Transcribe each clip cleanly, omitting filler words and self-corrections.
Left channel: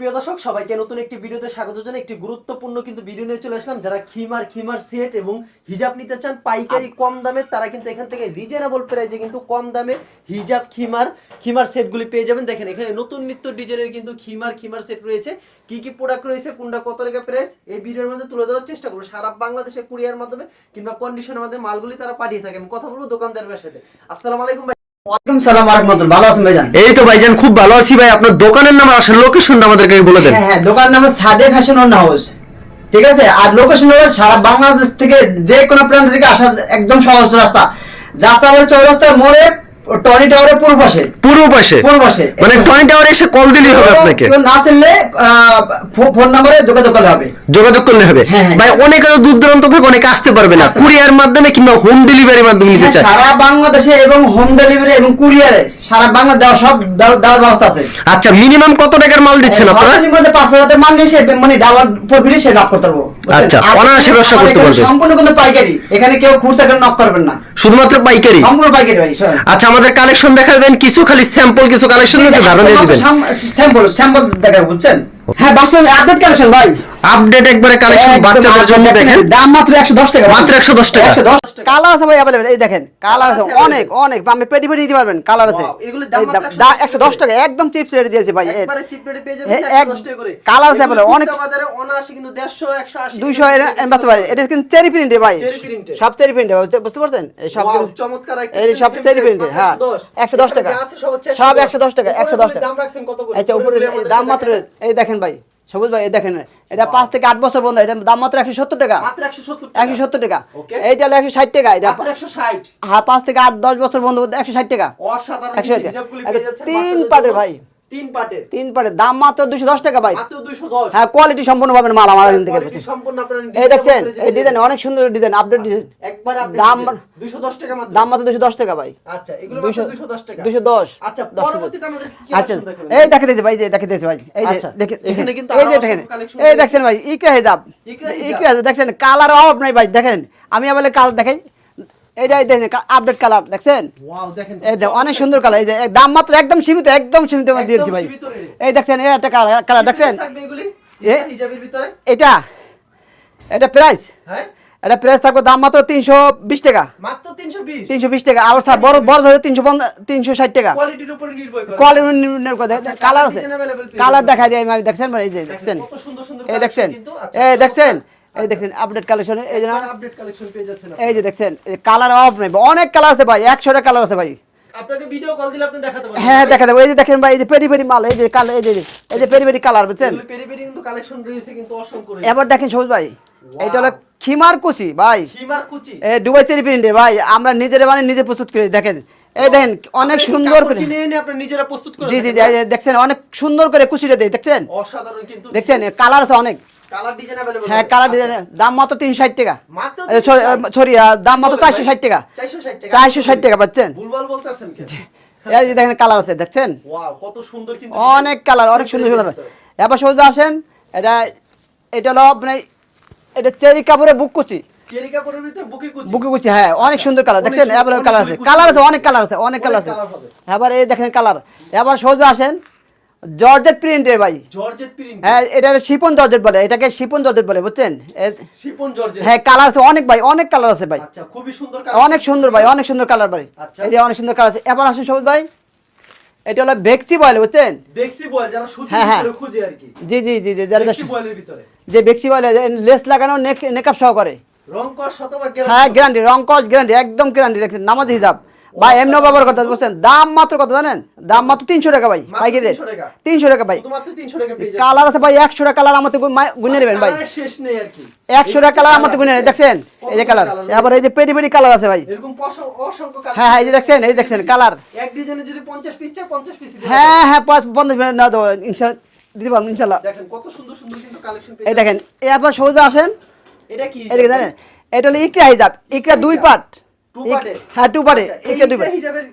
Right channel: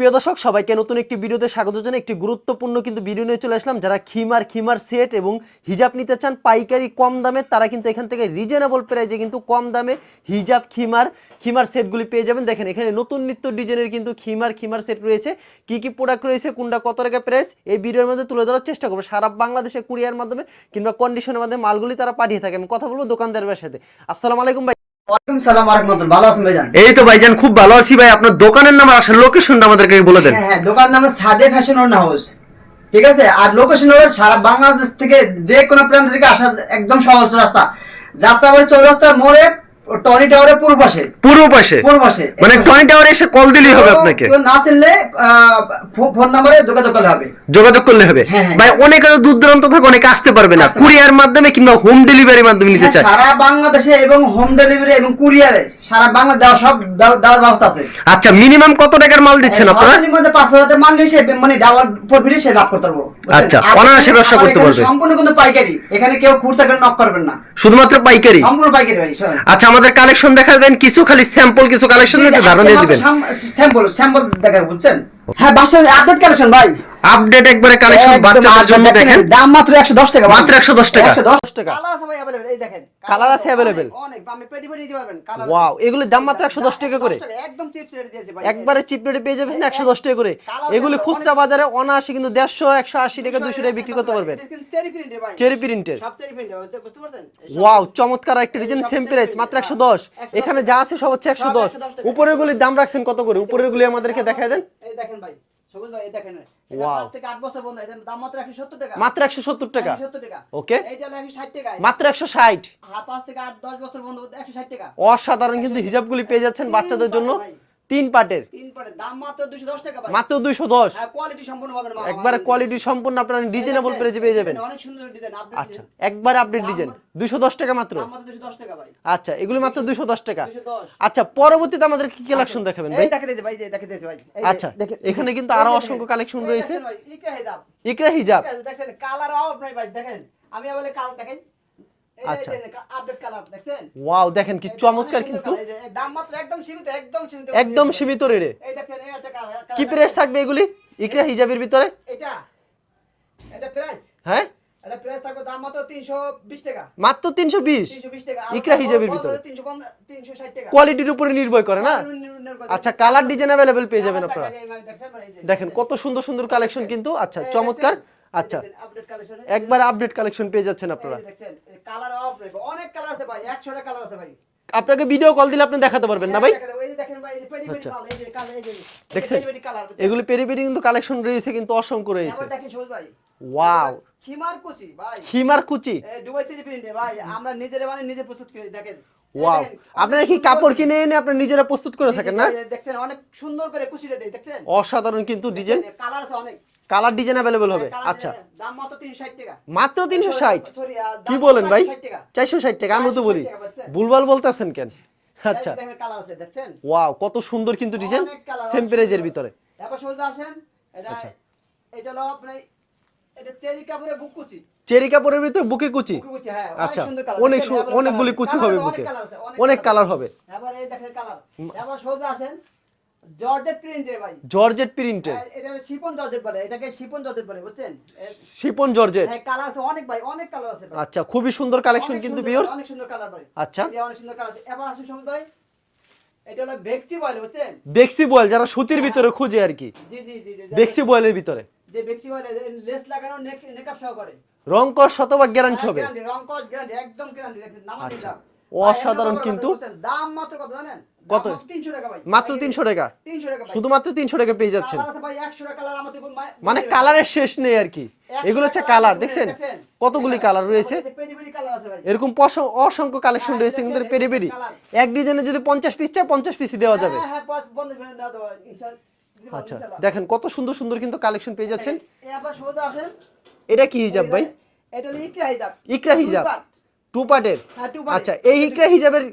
সুপ্রিয় দর্শক সবাইকে নতুন একটি ভিডিওতে স্বাগত জানাই। একটি গুরুত্বপূর্ণ কিন্তু ভিডিও নিয়ে চলে আসলাম। যারা খিমার সেট এবং হিজাব নিতে চান পাইকারি কম দামে, তারা কিন্তু এখান থেকে রিজনেবল প্রাইসে কিন্তু কম দামে হিজাব খিমার সেটগুলি পেয়ে যাবেন। দেখেন এখানে নতুন নিত্য ডিজাইনের কিন্তু খিমার সেট রয়েছে। কি কি প্রোডাক্ট রয়েছে, কোনটা কত টাকা প্রাইস, এই ভিডিওর মধ্যে তুলে ধরার চেষ্টা করবো। সারা বাংলাদেশে কুরিয়ার মাধ্যমে কিংবা কন্ডিশনের মাধ্যমে মালগুলি তারা পাঠিয়ে থাকে। আমি কথা বলবো দোকানদারের সাথে। আসসালামু আলাইকুম ভাই। ওয়ালাইকুম সালাম ওয়া রাহমাতুল্লাহ। ভালো আছেন ভাইজান? এই তো ভাইজান খুব ভালো আছি ভাই। আপনার দোকানের নাম আর আসলে লোকেশনটা আমাদেরকে বলে দেন। হ্যাঁ, দোকানের নাম সাদে ফ্যাশন অন হাউস, ঠিক আছে। আর লোকেশন হলো সারা বাংলাদেশ থেকে যে কোনো প্রান্ত থেকে আসা একদম সহজ রাস্তা, যাত্রাবাড়ি চৌরাস্তার মোড়ে টনি টাওয়ারের পূর্ব পাশে মানে টনি টাওয়ারে এসে কল দিলেই হবে আপনাকে। কেউ না চিনলে ফোন নম্বরে যোগাযোগ করলে হবে। হ্যাঁ, ভাই অনেকে তো দূর দূরান্ত থেকে অনেকে আসতে পারবে না, কুরিয়ার মাধ্যমে কিংবা হোম ডেলিভারির মাধ্যমে নিতে চায়। সারা বাংলাদেশে এবং হোম ডেলিভারি এবং কুরিয়ারে সারা বাংলাদেশ দেওয়ার ব্যবস্থা আছে। আচ্ছা, মিনিমাম কত টাকার মাল দিচ্ছেন আপনারা? মধ্যে 5,000 টাকা মাল নিয়ে মানে ডাবল প্রফিটে সে লাভ করতে পারবো। আচ্ছা, অনায়াসে ব্যবসা করতে পারবে। সম্পূর্ণ কিন্তু পাইকারি, এখানে কেউ খুচরা করে নক করবেন না, শুধুমাত্র পাইকারি। সম্পূর্ণ পাইকারি ভাই। আচ্ছা, আমাদের কালেকশন দেখাবেন কিছু, খালি স্যাম্পল কিছু কালেকশন একটু ধারণা দিয়ে দিবেন। স্যাম্পল দেখাবো, বুঝছেন? হ্যাঁ, বাসার আপডেট কালেকশন ভাই, আপডেট একবারে কালেকশন বাচ্চাদের জন্য দেখেন। দাম মাত্র 110 টাকা, মাত্র 110 টাকা। 110 টাকা। কালার আছে ভাই अवेलेबल, এই দেখেন কালার আছে অনেক আপনি পেটি দিতে পারবেন। কালার আছে, এগুলোর দাম মাত্র 110 টাকা, একদম চিপস রেটে দিয়েছে ভাই। একবারে চিপ রেটে পেয়ে যাবেন 110 টাকা করে। কালার আছে অনেক, বাজারে অনায়াসে কিন্তু 150 180 200 এর বাড়তে পারে। এটা কিন্তু চেরি প্রিন্টে ভাই, চেরি প্রিন্টে, সব চেরি প্রিন্টে, বুঝতে পারছেন? এই সব চমৎকার একটা এই সব চেরি প্রিন্টে, মাত্র 110 110 টাকা। যা আছে সব হচ্ছে সব 110 টাকা। উপরে দাম রাখছেন কত করে? আচ্ছা, উপরে আমাদের দাম মাত্র, এই দেখেন ভাই সবুজ ভাই, এই দেখেন এটা 5 থেকে 8 বছর বন্ধ, এটা দাম মাত্র 170 টাকা। মাত্র 170 টাকা। 170 টাকা। ওকে, এইটা হলো 160 টাকা। এটা মাত্র 160। হ্যাঁ, 5 থেকে 8 10 বছর বন্ধ 160 টাকা। অসাধারণ কিন্তু হিজাবগুলি পেয়ে যাচ্ছেন বাচ্চাদের তিন পাটের জন্য ভাই, 3 পাটের দাম মাত্র 210 টাকা ভাই। মাত্র 210। হ্যাঁ, কোয়ালিটি সম্পূর্ণ পাবেন মাল আমার এখান থেকে। কোয়ালিটি সম্পূর্ণ আপনারা এই দেখেন, এই ডিজাইন অনেক সুন্দর ডিজাইন, আপডেট ডিজাইন, একবার আপডেট দাম ডিজাইন 210 টাকা মাত্র। দাম মাত্র 210 টাকা ভাই। আচ্ছা, এগুলো মাত্র 210 টাকা। 210। আচ্ছা, পরবর্তীতে আমাদের কি কালেকশন দেখাবেন? এই দেখাইতেছি ভাই, এই দেখাইতেছি ভাই, এই আচ্ছা, দেখেন এখানে কিন্তু এই আরো দেখেন অসংখ্য কালেকশন এই দেখেন ভাই, ইকরা হিজাব হিজাব দেখছেন, কালার অভাব নাই ভাই। দেখেন আমি বলে কালার দেখাই, এইটাই দেখেন আপডেট কালার দেখছেন। ওয়াও, দেখেন কি অনেক সুন্দর কালার। এই যে দাম মাত্র একদম সীমিত দিয়েছি ভাই। সীমিত রেটে। এই দেখছেন এই একটা কালার দেখছেন থাকবে এগুলি ইকরা হিজাবের ভিতরে। এটা প্রাইস, হ্যাঁ এটা প্রাইস থাকবে দাম মাত্র 320 টাকা। মাত্র 320 টাকা। আর বড় হচ্ছে 360 টাকা। কোয়ালিটির উপরে নির্ভর করে। কোয়ালিটি নির্ভর করে। আচ্ছা, কালার ডিজাইন अवेलेबल পেয়ে যাবেন। কালার দেখাই দিই আমি, দেখছেন ভাই, এই যে দেখেন কত সুন্দর এই কালেকশন দেখছেন কিন্তু। আচ্ছা, এই দেখছেন, এই দেখছেন আপডেট কালেকশন, এই যে একবার আপডেট কালেকশন পেয়ে যাচ্ছেন আপনারা। এই যে দেখছেন কালার অফ নাই, অনেক কালার আছে ভাই, 100 টা কালার আছে ভাই। আপনাকে ভিডিও কল দিলে আপনি দেখাতে পারবেন। হ্যাঁ, দেখা দেবো। এই যে দেখেন ভাই, এই যে পেরি মাল, এই যে কালার, এই যে পেরি কালার, বুঝছেন? এগুলো পেরি কিন্তু কালেকশন রয়েছে কিন্তু অসংখ্য রয়েছে। এবার দেখেন সবুজ ভাই, এটা হলো খিমার কুচি ভাই, খিমার কুচি, এই দুবাই চেরি প্রিন্টের ভাই। আমরা নিজে প্রস্তুত করে দেখেন। এই দেখেন অনেক সুন্দর করে কিনে এনে আপনি নিজেরা প্রস্তুত করে। জি দেখছেন অনেক সুন্দর করে কুচিটা দেয়, দেখছেন? অসাধারণ কিন্তু দেখছেন কালার আছে অনেক, কালার ডিজাইন अवेलेबल। হ্যাঁ, কালার ডিজাইন। দাম মাত্র 360 টাকা মাত্র। সরি, দাম মাত্র 460 টাকা। 460 টাকা। 460 টাকা পাচ্ছেন। ভুলভাল বলতাছেন কেন? এই যে দেখেন কালার আছে, দেখছেন? ওয়াও, কত সুন্দর কিন্তু ডিজাইন, অনেক কালার, অনেক সুন্দর। এবার সবুজ আসেন, এটা হলো আপনি, এটা চেরি কাপড়ের বুক কুচি, চেরি কাপড়ের ভিতর বুকে কুচি। হ্যাঁ, অনেক সুন্দর কালার, দেখছেন? এবার কালার আছে অনেক কালার হবে। এবার এই দেখেন কালার। এবার সহজে আসেন জর্জেট প্রিন্টের ভাই, জর্জেট প্রিন্ট। হ্যাঁ, এটা শিপন জর্জেট বলে, এটাকে শিপন জর্জেট বলে, বুঝছেন? শিপন জর্জেট। হ্যাঁ, কালার আছে অনেক ভাই, অনেক কালার আছে ভাই। আচ্ছা, খুবই সুন্দর কালেকশন, অনেক সুন্দর ভাই, অনেক সুন্দর কালার ভাই। আচ্ছা, এই যে অনেক সুন্দর কালার আছে। এবার আসেন সবুজ ভাই, এটা হলো বেক্সি বয়েল, বুঝছেন? বেক্সি বয়েল যারা সুতির ভিতরে খোঁজে আর কি। জি বেক্সি বয়েলের ভিতরে, যে বেক্সি বয়েল লেস লাগানো, নেকআপ সহ করে, রং কস শতভাগ গ্যারান্টি। হ্যাঁ, গ্যারান্টি, রং কস গ্যারান্টি, একদম গ্যারান্টি। দেখেন নামাজি হিসাব ভাই, এমনি ব্যবহার করতে বুঝছেন? দাম মাত্র কত জানেন? দাম মাত্র 300 টাকা ভাই। মাত্র 300 টাকা। 300 টাকা ভাই, শুধুমাত্র 300 টাকা পেয়ে যাচ্ছেন। কালার আছে ভাই 100 টা কালার, আমাদের গুনে নেবেন ভাই, কালারের শেষ নেই আর কি। 100 টা কালার আমাদের গুনে নেবেন, দেখছেন? এই যে কালার। এবার এই যে পেরি কালার আছে ভাই, এরকম অসংখ্য কালেকশন। হ্যাঁ, এই যে দেখছেন, এই দেখছেন কালার। এক ডিজাইনে যদি 50 পিস চাই 50 পিস দেওয়া হ্যাঁ যাবে। হ্যাঁ, 50 মিনিট না দাও ইনশাআল্লাহ দিতে পারবো ইনশাআল্লাহ। দেখেন কত সুন্দর কিন্তু কালেকশন পেয়ে এই যাচ্ছেন। দেখেন এবার সহজে আসেন, এটা কি এটা হিজাব? জানেন? এটা হলো ইকরা হিজাব, ইকরা দুই পার্ট, 2 পার্টের। হ্যাঁ, 2 পার্টে। আচ্ছা, এই ইকরা হিজাবের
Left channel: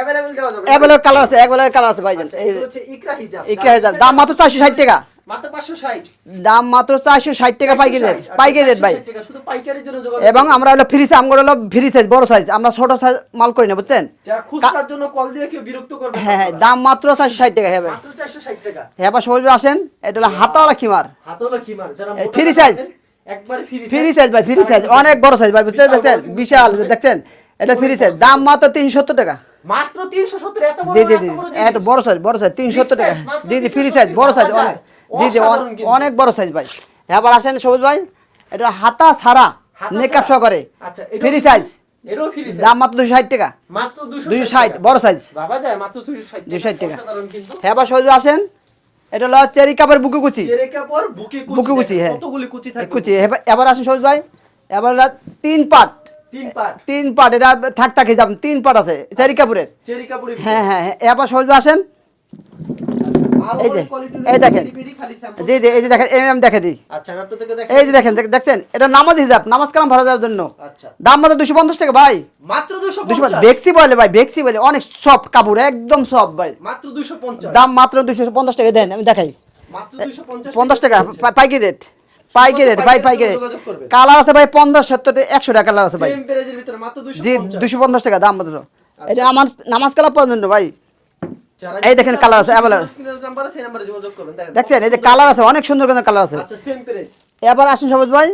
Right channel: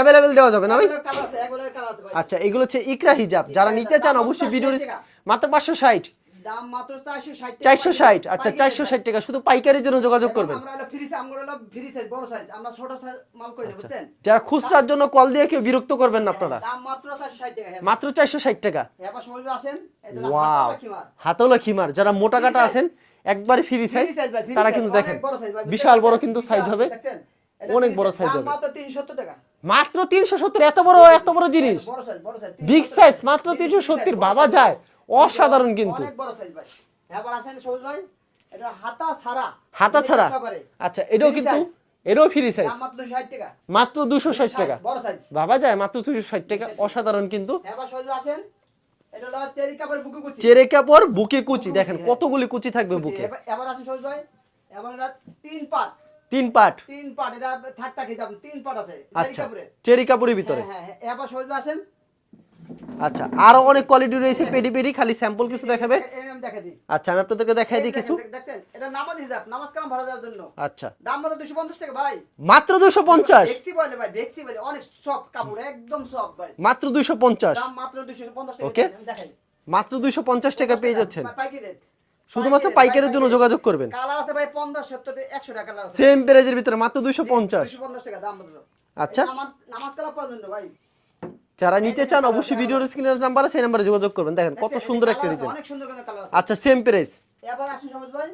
अवेलेबल দেওয়া যাবে না? अवेलेबल কালার আছে, अवेलेबल কালার আছে ভাই। আচ্ছা, এগুলো হচ্ছে ইকরা হিজাব। ইকরা হিজাব দাম মাত্র 460 টাকা। মাত্র 560, দাম মাত্র 460 টাকা পাইকারি রেট, আচ্ছা, পাইকারি রেট ভাই। 460 টাকা শুধু পাইকারির জন্য যোগাযোগ এবং করবেন। আমরা হলো ফ্রি সাইজ, আমরা হলো ফ্রি সাইজ বড় সাইজ, আমরা ছোট সাইজ মাল করি না বুঝছেন। যারা খুচরার জন্য কল দিয়ে কেউ বিরক্ত করবেন না হ্যাঁ হ্যাঁ, আপনারা। দাম মাত্র 460 টাকা হবে। মাত্র 460 টাকা। হ্যাঁ বা সবাই আসেন, এটা হলো হাতাওয়ালা খিমার, হাতওয়ালা খিমার, যারা মোটা ফ্রি কাটা সাইজ। আছেন একবারে ফ্রি ফ্রি সাইজ ভাই, ফ্রি সাইজ অনেক বড় সাইজ ভাই, বুঝতে পারছেন, বিশাল দেখছেন, এটা ফ্রি সাইজ, দাম মাত্র 370 টাকা। মাত্র 370, এত বড় জি জি এত বড় জি, জিনিস। এত বড় সাইজ, বড় সাইজ 370 টাকা। size, মাত্র জি জি ফ্রি 370, সাইজ, বড় সাইজ, ভাবা যায়। জি জি অসাধারণ কিন্তু। অনেক বড় সাইজ ভাই। এবার আসেন সবুজ ভাই, এটা হাতা ছাড়া হাতা মেকআপ ছাড়া। সহকারে, আচ্ছা, ফ্রি সাইজ, এটাও ফ্রি সাইজ। দাম মাত্র 260 টাকা। মাত্র 260 260 টাকা। বড় সাইজ। বাবা যায় মাত্র 260 260 টাকা। টাকা। অসাধারণ কিন্তু। হ্যাঁ বা সবুজ আসেন, এটা হলো চেরি কাপের বুকে কুচি, চেরে কাপড় বুকে কুচি, বুকে কুচি, দেখেন হ্যাঁ। কতগুলি কুচি থাকবে কুচি। বুকে। এবার আসেন সবুজ ভাই, এবার হলো 3 পার্ট, 3 পার্ট 3 পার্ট, এটা থাক থাকি যাবেন, 3 পার্ট আছে চেরি কাপড়ের। চেরি কাপড়ের ভিতরে। হ্যাঁ হ্যাঁ হ্যাঁ, এবার সবুজ আসেন, আচ্ছা, আর এই যে, অনেক কোয়ালিটির এই রয়েছে, দেখেন। পেডি পেডি খালি স্যাম্পল। জি জি এই যে দেখেন, আমি দেখে দিই। আচ্ছা, আমি আপনাদেরকে দেখাই। এই যে দেখেন, দেখছেন, এটা নামাজ হিসাব, নামাজ কালাম ভরা যাওয়ার জন্য। আচ্ছা, দাম মাত্র 250 টাকা ভাই। মাত্র 250। বেক্সি বলে ভাই, বেক্সি বলে, অনেক সফট কাপড়, একদম সফট ভাই। মাত্র 250। দাম মাত্র 250 টাকা। দেন আমি দেখাই, মাত্র 250 50 টাকা পাইকারি রেট, পাইকারি রেট ভাই, পাইকারির পাইকারি জন্য যোগাযোগ করবেন। কালার আছে ভাই 50, 70, 100 টাকা কালার আছে ভাই। সেম প্রাইজের ভিতরে মাত্র জি 250। 250 টাকা দাম মাত্র। আচ্ছা। এটা নামাজ কালার পর্যন্ত ভাই। যারা এই দেখেন কালার আছে, available। স্ক্রিনের নাম্বার আছে, এই নম্বরে যোগাযোগ করবেন। দেখেন দেখছেন, কত এই যে সুন্দর কালার একটা আছে, অনেক সুন্দর সুন্দর কালার আছে। আচ্ছা, সেম প্রাইস। এবার আসুন সবুজ ভাই,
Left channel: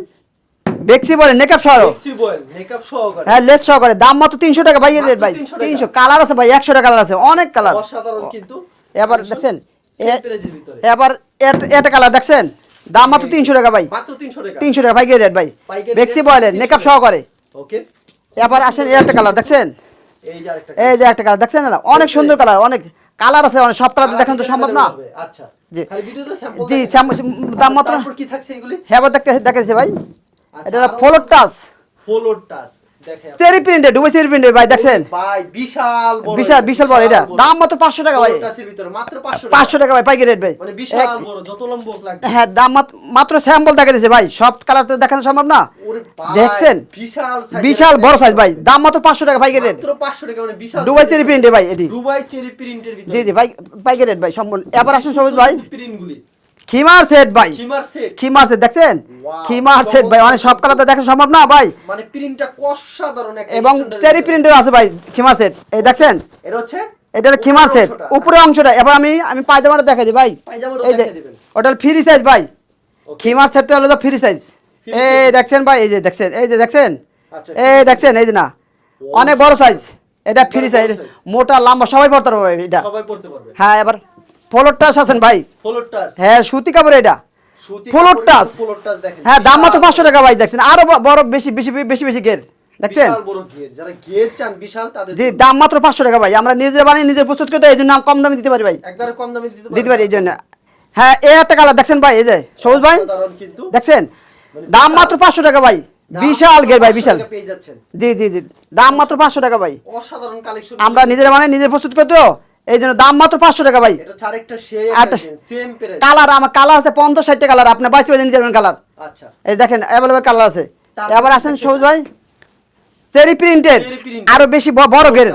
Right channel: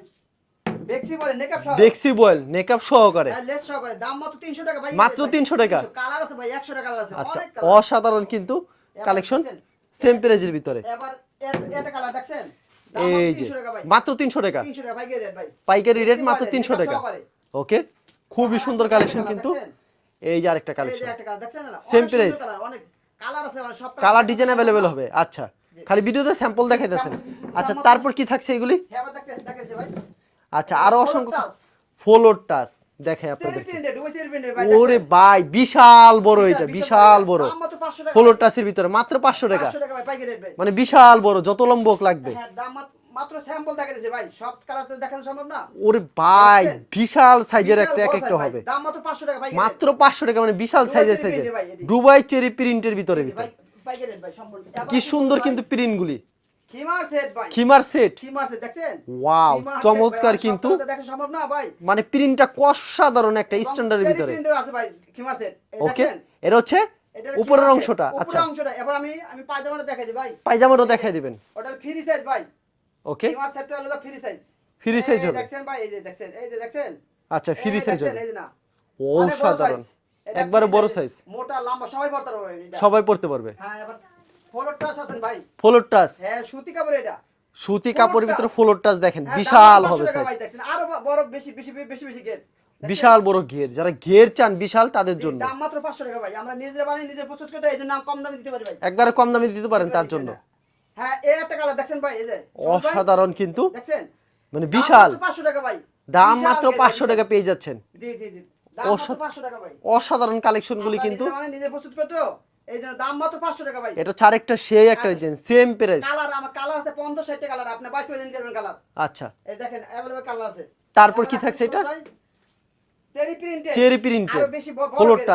বেক্সি বলে নেকআপ সহ, ফ্লেক্সিবল মেকআপ সহকারে। হ্যাঁ লেস সহকারে, দাম মাত্র 300 টাকা ভাই। মাত্র রেট ভাই 300 টাকা। 300, কালার আছে ভাই 100 টাকা কালার আছে, অনেক কালার। অসাধারণ কিন্তু। এবার collection, দেখছেন, সেম প্রাইজের ভিতরে। এবার এটা কালার দেখছেন, দাম মাত্র এই 300 টাকা ভাই। মাত্র 300 টাকা। 300 টাকা পাইকারি রেট ভাই, পাইকারি বেক্সি rate বলে মাত্র 300 নেকআপ টাকা। সহকারে। ওকে। এবার আসেন একটা কালার দেখছেন, এই যে আরেকটা এই যে একটা কালার দেখছেন না, অনেক সুন্দর price। কালার, অনেক কালার আছে, অনেক সব কালার দেখানো তো সম্ভব না। হবে। আচ্ছা, জি। খালি ভিডিওতে স্যাম্পল জি, দেখেন। sample, দাম মাত্র- তারপর কি থাকছে এগুলি? হ্যাঁ এবার দেখাইছে ভাই, আচ্ছা, এটা আরো ফলোর টাচ, ফলোর টাচ দেখেন। চেরি প্রিন্টেড, ডুবাই চেরি প্রিন্টেড ভাই, দেখছেন ওরে ভাই, বিশাল বড় বিশাল এটা, বিশাল বড়, এটা দাম মাত্র 500 টাকা ভাই। ফলোর টাচের ভিতরে মাত্র 500 টাকা। 500 টাকা ভাই পাইকারি রেট ভাই, মানে বিশাল বড়, যত লম্ব হোক লাগবে। হ্যাঁ দাম মাত্র স্যাম্পল দেখা দিয়েছে ভাই, সব কালার তো দেখানো সম্ভব না। ওরে ভাই, দেখছেন? বিশাল সাইজ, বিশাল বড় সাইজ ভাই, দাম মাত্র 500 টাকা পাইকারি রেট। মাত্র 500 টাকা, মানে বিশাল দুবাই size এর চেরি size। প্রিন্টে ভাই এটি। দুবাই চেরি প্রিন্টের ভিতরে। জি জি ভাই, পাইকারি রেট ভাই সম্পূর্ণ। এবার আসুন সবুজ ভাই, প্রিন্ট গুলি, খিমার সেট ভাই, খিমার সেট। খিমার সেট দেখছেন, Wow, খিমার সেট ভাই, অনেক সব কালার তো দেখা সম্ভব না ভাই। মানে প্রিন্টটা অসাধারণ একটা এবং standard চেরি ভিতরে। প্রিন্টের আছে ভাই খিমার সেট, এই দেখছেন, এটা হচ্ছে এটা হলো খিমার উপরের সেট, অংশটা। উপরের অংশটা। এবার আমি পায়জামাটা দেখাই দিই ভাই, পায়জামাটা এই যে, দেখাই দিবেন। ওটা হলো ফ্রি সাইজ ভাই, Okay. খিমার সেটটা হলো ফ্রি সাইজ। Free এই size। দেখছেন ভাই, এই যে দেখছেন, এই যে দেখছেন, আচ্ছা, এই free দেখছেন, size। এই যে না, ও, অনেক বড় সাইজ, এটা একবারে ফ্রি বড় সাইজ, size। মোটা লম্বা সবাই পড়তে পারবে এটা। সবাই পড়তে পারবে। হ্যাঁ এবার ফলোর টাচ আছেন ভাই, ফলোর টাচ, হ্যাঁ সুতি কাপড় এটা, সুতি ফলোর কাপড়ের টাচ। ভিতরে ফলোর টাচ দেখেন। হ্যাঁ দাম মাত্র বিশাল 500 বড় টাকা ভাই, দেখছেন আরো বড়, বেশি বেশি বেশি বেশি গের দেখছেন। বিশাল বড় ঘের, যারা ঘের চান বিশাল তাদের জি জন্য। দাম মাত্র 500 টাকা ভাই, আমরা নিজে বানিয়ে নিজে প্রস্তুত করতে, এই জন্য কম দামে দিতে পারি ভাই, একবারে কম দামে দিতে দিতে পারি এই জন্য। জন্য। হ্যাঁ এই একটা কালার দেখছেন ভাই, এই যে সবুজ ভাই অসাধারণ কিন্তু। দেখছেন, মানে দাম বিশাল। মাত্র 500 টাকা ভাই, দাম বিশাল মাত্র গের ভাই, 500 বিশাল। টাকা পেয়ে যাচ্ছেন। জি জি জি, দাম মাত্র 500 টাকা ভাই, অসাধারণ কালেকশন। আমরা নিজেরা বানিয়ে নিজে প্রস্তুত করতে, এই জন্য দাম মাত্র 500 টাকা ভাই। এটা ছাড় একটা সেই আরেকটা একটা সেম প্রাইস। কালার আমার কালার আছে 50-60 কালার, আপনি বাইরে বেজে নিতে পারবেন কালার। আচ্ছা, এই দেখেন अवेलेबल কালার আছে। তারপর এবার কি আসেন থাকছে সবুজ এটা? ভাই, চেরি প্রিন্টেড, চেরি প্রিন্ট, আরো বেশি বড় গের,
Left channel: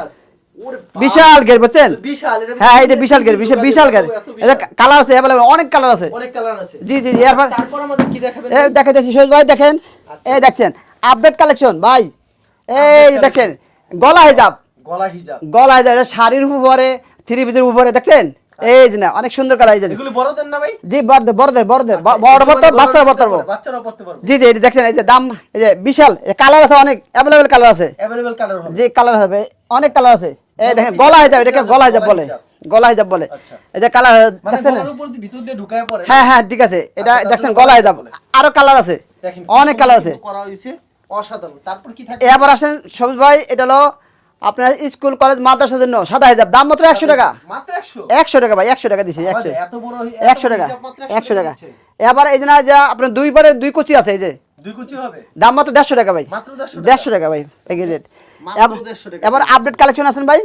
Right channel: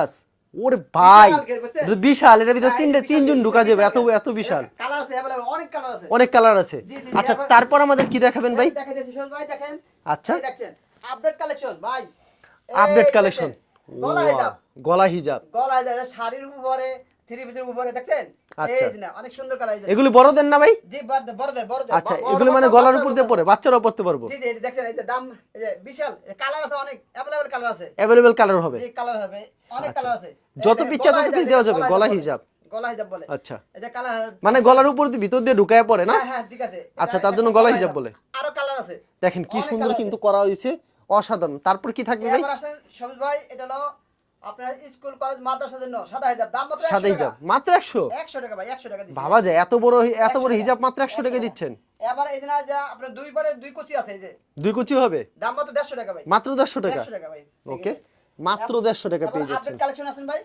ওরে ভাই, বিশাল গের বুঝছেন। বিশাল, এর ভিতরে হ্যাঁ এটা তিনটা বিশাল গের, তিন বিশাল ঢোকা বিশাল যাবে, গের, এত বিশাল। কালার আছে अवेलेबल, অনেক কালার আছে। অনেক কালার আছে। জি জি জি, আচ্ছা, এরপর তারপর আমাদের কি দেখাবেন এই ভাই? দেখাইতেছি সবুজ ভাই, দেখেন আচ্ছা। এই দেখছেন আপডেট কালেকশন ভাই, Update এই collection। দেখেন গলা হিজাব, গলা হিজাব। গলা হিজাব, এটা শাড়ির উপরে, থ্রি পিসের উপরে দেখছেন, এই যে না অনেক সুন্দর কালার, এই যে এগুলো বড়দের না ভাই? জি বড়দের বড়দের বড়দের আচ্ছা, বড় এগুলো বড় মানে গলার বাচ্চারা মধ্যে পড়তে পরে, পারবো। বাচ্চারাও পড়তে পারবো। জি জি এটা দেখছেন, এই যে দাম, এই যে বিশাল কালার আছে, অনেক अवेलेबल কালার আছে, अवेलेबल কালার হবে। যে কালার হবে অনেক কালার আছে। এই যত দেখেন পিছনে গলা পিছনে হিজাব, এটাকে যাবে, গলা হিজাব গলা বলে, হিজাব। গলা হিজাব বলে। আচ্ছা। এই যে কালার মানে দেখছেন? গলার উপর দিয়ে ভিতর দিয়ে ঢুকায় পড়ে না? হ্যাঁ হ্যাঁ ঠিক আছে, এটা আচ্ছা, তার দেখছেন জন্য গলা গলা হিজাব, হিজাব বলে। আরো কালার আছে, দেখেন অনেক কালার আছে। করা হয়েছে, অসাধারণ। তারপর কি থাকবে? এবার আসেন সবুজ ভাই, এটা হলো আপনার স্কুল কলেজ মাদ্রাসার জন্য সাদা হিজাব, দাম মাত্র 100 টাকা। মাত্র 100? 100 টাকা ভাই, 100 টাকা দিছি, পাওয়া যায় 100 এত বড় 100 টাকা, হিজাব মাত্র 100 100 টাকা টাকা। দিচ্ছেন? এবার এই যে না যে আপনার দুই বারে দুই কুচি আছে, এই যে দুই কুচি হবে? দাম মাত্র 150 টাকা ভাই, মাত্র 150 টাকা। 150 টাকা ভাই, এই Okay, রেট মাত্র 150 টাকা এবার দিয়ে আপডেট কালেকশন আছেন ভাই,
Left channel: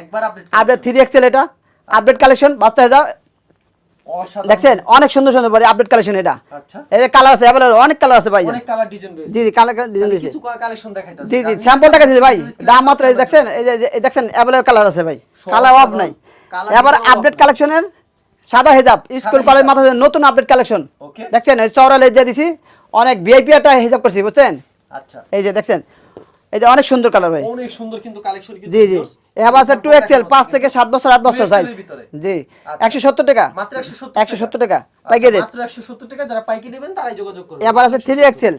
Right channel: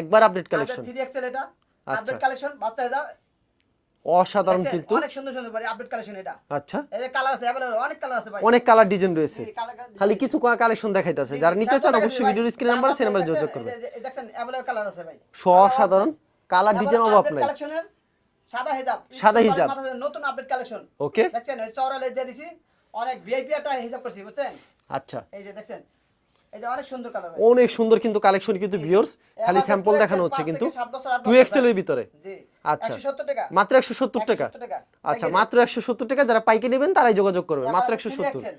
একবার আপডেট আপডেট 3XL, এটা আপডেট কালেকশন বাচ্চা হিজাব অসাধারণ দেখছেন, কিন্তু। অনেক সুন্দর সুন্দর ভাই আপডেট কালেকশন, এটা আচ্ছা, এই কালার আছে अवेलेबल, অনেক কালার আছে ভাই। অনেক কালার ডিজাইন রয়েছে। জি জি কালার খালি কিছু কালেকশন দেখাইতাছে। জি জি স্যাম্পল টাকা দিছি ভাই, দাম মাত্র এই দেখছেন, এই যে এই দেখছেন अवेलेबল কালার আছে ভাই, কালার অফ নাই। কালার এবার আপডেট কালেকশনের সাদা হিজাব স্কুল কলেজ হিজাব। মাথা নতুন আপডেট কালেকশন ওকে দেখছেন এই চওড়া লেজ দিয়ে দিছি অনেক ভিআইপি একটা হিজাব করছি বুঝছেন আচ্ছা এই যে দেখছেন এই যে অনেক সুন্দর কালার ভাই অনেক সুন্দর কিন্তু কালেকশন কিন্তু জি জি viewers, এবার আছে sample 2XL দেখানো 5 হচ্ছে থেকে কিন্তু। 7 বছর 8 বছর 2XL এর size। ভিতরে জি আচ্ছা। 170 টাকা মাত্র 170 টাকা 170 টাকা আচ্ছা, পাইকারি মাত্র 170 টাকা যারা পাইকারি নেবেন তারাই যোগাযোগ করবেন এবার আছে মাত্র 3XL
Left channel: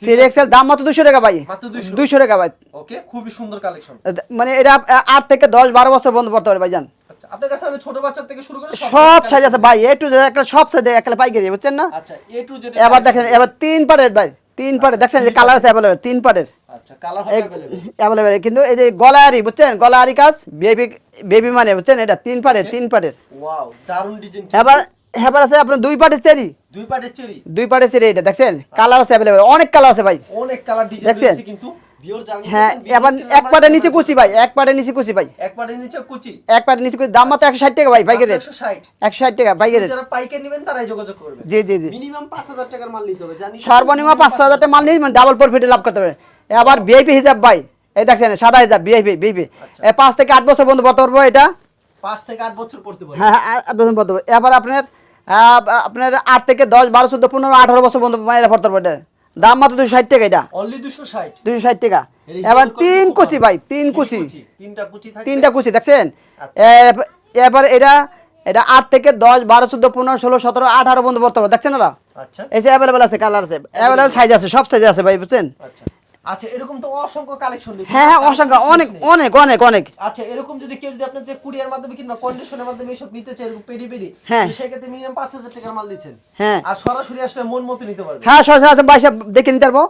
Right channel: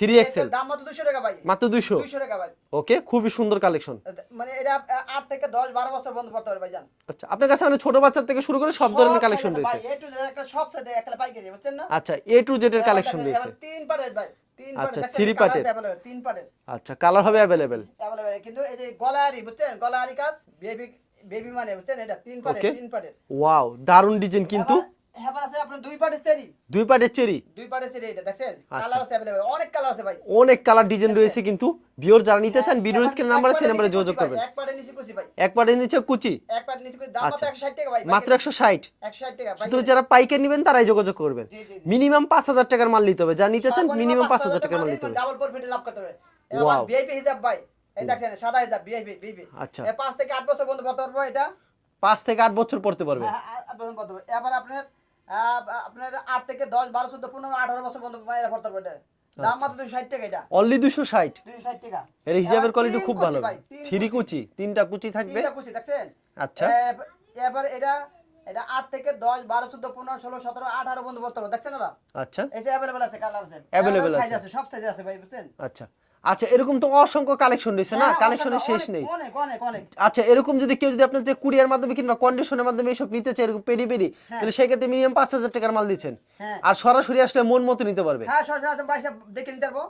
3XL 3XL দাম মাত্র 200 টাকা ভাই মাত্র 200 200 টাকা ভাই ওকে খুবই সুন্দর কালেকশন মানে এটা 8 থেকে 10 12 বছর বন্ধ পড়তে পারে ভাইজান আচ্ছা আপনার কাছে মানে ছোট বাচ্চা থেকে শুরু করে সব ধরনের সাইজ collection আছে রয়েছে। ভাই এ টু একটা সব সাইজ একটা পাইকারি বুঝছেন না আচ্ছা এ টু জেড এবার দেখেন এবার 3 পারের ভাই 3 পারের আচ্ছা, দেখছেন যে three কালার part আছে अवेलेबल 3 পারের আচ্ছা কালার হবে अवेलेबल अवेलेबल কিন্তু এই যে গলায়ারি বুঝছেন গলায়ারি কাজ বেবি বেবি মানে বুঝছেন এটা 3 পারের Okay. 3 পারের ওয়াও দারুন ডিজাইন কি এবার এবার আছে আপনার 2 পারের চেরি দুই পাটের চেরি 2 পারের চেরি এটা দেখছেন কালার আছে अवेलेबल অনেক কালার আছে ভাই অনেক কালার ডিজাইন দেখছেন? রয়েছে কিন্তু ভিউয়ার জার্নি হ্যাঁ নিতেছেন এবার এক পারের নিচে কুচি ভাই এক পারের নিচে কুচি ভাই এক পাটের নিচে কুচি এক পারের নিচে কুচি দাম মাত্র 160 টাকা ভাই পাইকারি মাত্র 160 160 টাকা পাইকারি যারা পাইকারি নেবেন তারাই যোগাযোগ করবেন জি জি জি মিনিমাম 5000 টাকার মাল নিতে হবে জানি সর্বনিম্ন 5000 টাকা মাল নিয়ে ডাবল প্রফিট লাভ করতে পারবে এবার ভিআইপি হিজাব ভাই এই দেখছেন সাদা হিজাব ভিআইপি ভিআইপি আচ্ছা। এই 5 থেকে 8 বছর বন্ধ পড়তে পারবো এটা 5 থেকে 8 বছর পড়তে পারবে হ্যাঁ হ্যাঁ 8 বছর পড়তে পারবো এবার আপনার 8 থেকে 10 12 14 15 18 বছর বন্ধ মায়েরা পড়তে পারবে এটা দাম মাত্র 260 টাকা এটা অনলি 260 260 টাকা এর এবার হিজাবের quality 3 খুব কুচি ভালো। ভাই 3 Three কুচি তিনটা কুচি থাকবে 3টা কুচি দেখছেন আচ্ছা। এবার এটা এটা 8 থেকে 10 12 14 15 16 17 18 বন্ধ পড়তে পারবে দেখছেন না আচ্ছা এই যে अवेलेबल আছে কালার আছে अवेलेबल সাইজ আছে সব সাইজ আছে ভাই বুঝছেন আচ্ছা আচ্ছা এরকম তো অসংখ্য কালেকশন রয়েছে হ্যাঁ না? হ্যাঁ collection অসংখ্য শেষ অনেক নেই। অনেক অনেক অনেক আচ্ছা এরকম যদি কেউ যদি আপনাদের কুরিয়ার মাধ্যমে কিংবা কন্ডিশনের মাধ্যমে এইসব নিতে চায় এরকম পেডি পেডি হ্যাঁ। সেক্ষেত্রে মিনিমাম 5000 টাকার মাল দিচ্ছেন হ্যাঁ আর সরাসরি আসলে মন মতো নিতে পারবে হ্যাঁ সরাসরি আছে ভাই সব দেখে নিতে পারবো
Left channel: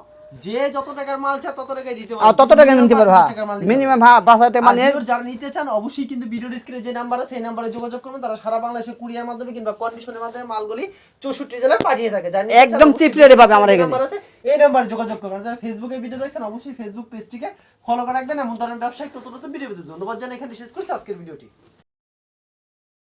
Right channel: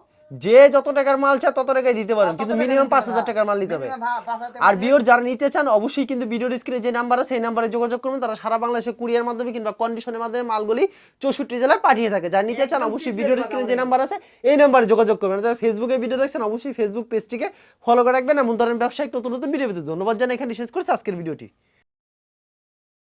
যে যত টাকার মাল চায় তত টাকায় দিতে আর পারবে তত টাকা নিতে পারবো টাকার মাল নিতে মিনিমাম হ্যাঁ 5000 টাকা আর মানে ভিউয়ার যারা নিতে চান অবশ্যই কিন্তু ভিডিওর স্ক্রিনে যে নাম্বার আছে সেই নাম্বারে যোগাযোগ করুন তারা সারা বাংলাদেশে কুরিয়ার মাধ্যমে কিংবা কন্ডিশনের মাধ্যমে মালগুলি 64 জেলায় পাঠিয়ে থাকে যারা নিতে চান একদম অবশ্যই cheap rate এ পাবে ভিডিওর আমার যে এখানে। নাম্বার আছে এই নাম্বারে যোগাযোগ করবেন যারা ফেসবুকে ভিডিও দেখছেন অবশ্যই ফেসবুক পেজটিকে ফলো করে রাখবেন এমন ধরনের ব্যবসায়িক নতুন নতুন ভিডিও পেতে ধন্যবাদ জানাই এখানে শেষ করছি আজকের ভিডিওটি।